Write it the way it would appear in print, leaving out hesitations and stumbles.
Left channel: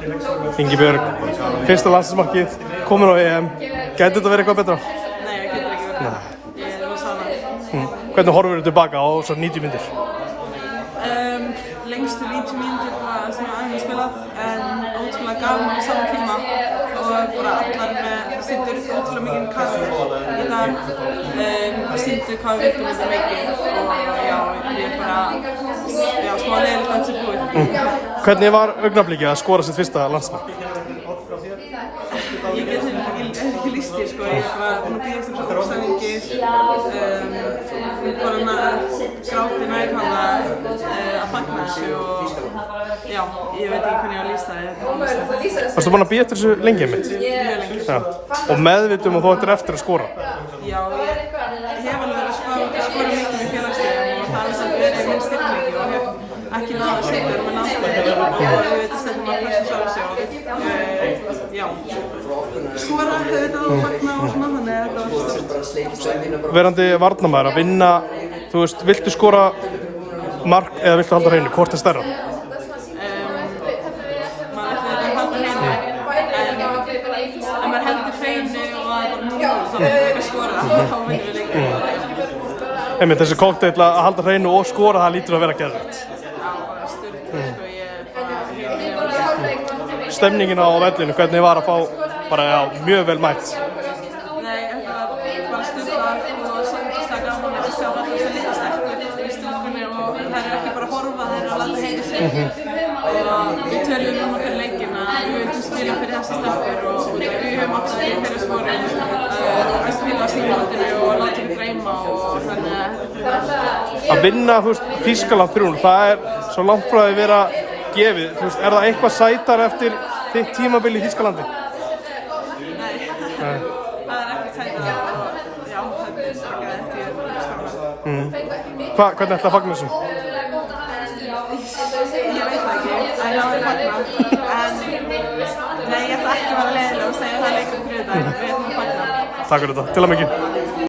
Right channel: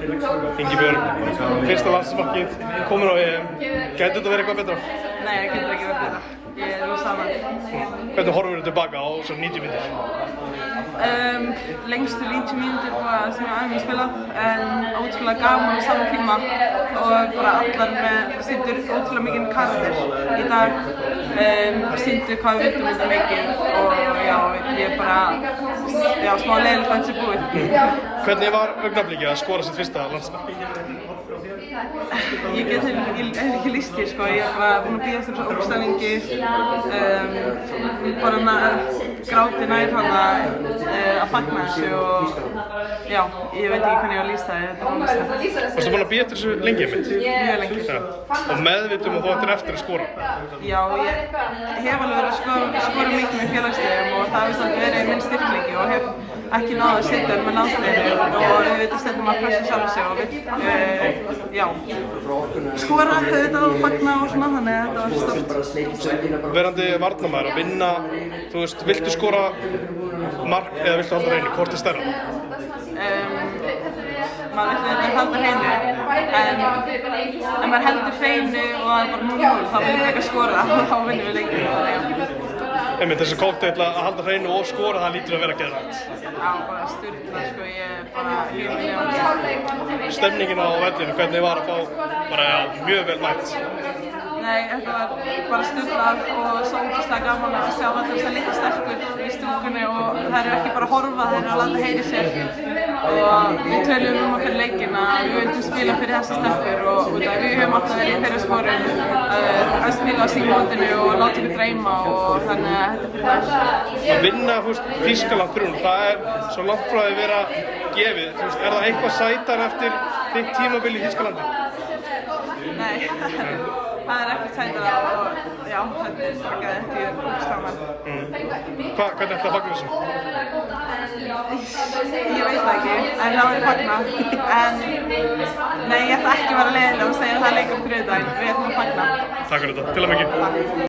Ingibjörg, fyrsta landsliðsmarkið, komin á EM. Gæti þetta verið eitthvað betra? Nei, það getur ekki verið betra. Ég er rosa ánægð. Hvernig horfir þú tilbaka á svo 90 mínútur? Lengstu 90 mínútur bara sem ég aðeins spilað, en ótrúlega gaman á sama tíma og bara allar með sýndur ótrúlega mikinn karakter í dag. Sýndu hvað við viltum þetta mikið og já, ég er bara smá leiðilegt að þetta sé búið. Hvernig var augnablikið að skora sitt fyrsta landsmark? Ég get ekki lýst hér sko, ég er bara búin að bíða eftir þessu ógstæðingi, bara gráti nær hana að fagna þessu og já, ég veit ekki hvernig ég á að lýsa það, þetta er ógstæðingi. Varstu búin að bíða eftir þessu lengi einmitt? Mjög lengi. Ja. Og meðvitum og þú ættir eftir að skora? Já, ég hef alveg verið að skora mikið með félagsliðum og það hefur samt verið minn styrkleiki og hef ekki náð að setja með landsliðinu og auðvitað setjum að pressa sjálf sig og já, skora auðvitað og fagna og svona, þannig að þetta var stórt. Verandi varnarmaður að vinna, þú veist, viltu skora mark eða viltu halda hreinu? Hvort er stærra? Maður vill auðvitað halda hreinu, en ef maður heldur hreinu og það er bara 0-0 þá viljum við ekki skora og þá vinnum við leikinn, þannig já. Einmitt, þessi kokteil að halda hreinu og skora, það lítur að vera geðvægt. Já, bara styrkla, sko, ég er bara heimilið. Stemningin á vellinu, hvernig var að fá bara, já, mjög vel mætt? Nei, þetta var bara styrklað og svo ógeðslega gaman að sjá allir þessar litlu stelpur í stúkunni og þær eru ekki bara að horfa, þær eru að láta heyra sér. Og við töluðum fyrir leikinn að við vildum spila fyrir þessar stelpur og við höfum alltaf verið í þeirra sporum að spila á símótinu og láta ykkur dreyma og þannig að þetta er fyrir þær. Að vinna, þú veist, Þýskaland fyrir hún, það er svo langt frá að vera gefið. Þú veist, er það eitthvað sætar eftir þitt tímabil í Þýskalandi? Nei, það er ekkert sætara og já, þetta er bara gæðið eftir uppstafnar. Hvernig ætlaði að fagna þessu? Ég veit það ekki, en það var fagna. En nei, ég ætla ekki að vera leiðileg og segja að það er leikur fyrir þetta, við ætlum að fagna. Takk fyrir þetta, til að mikið.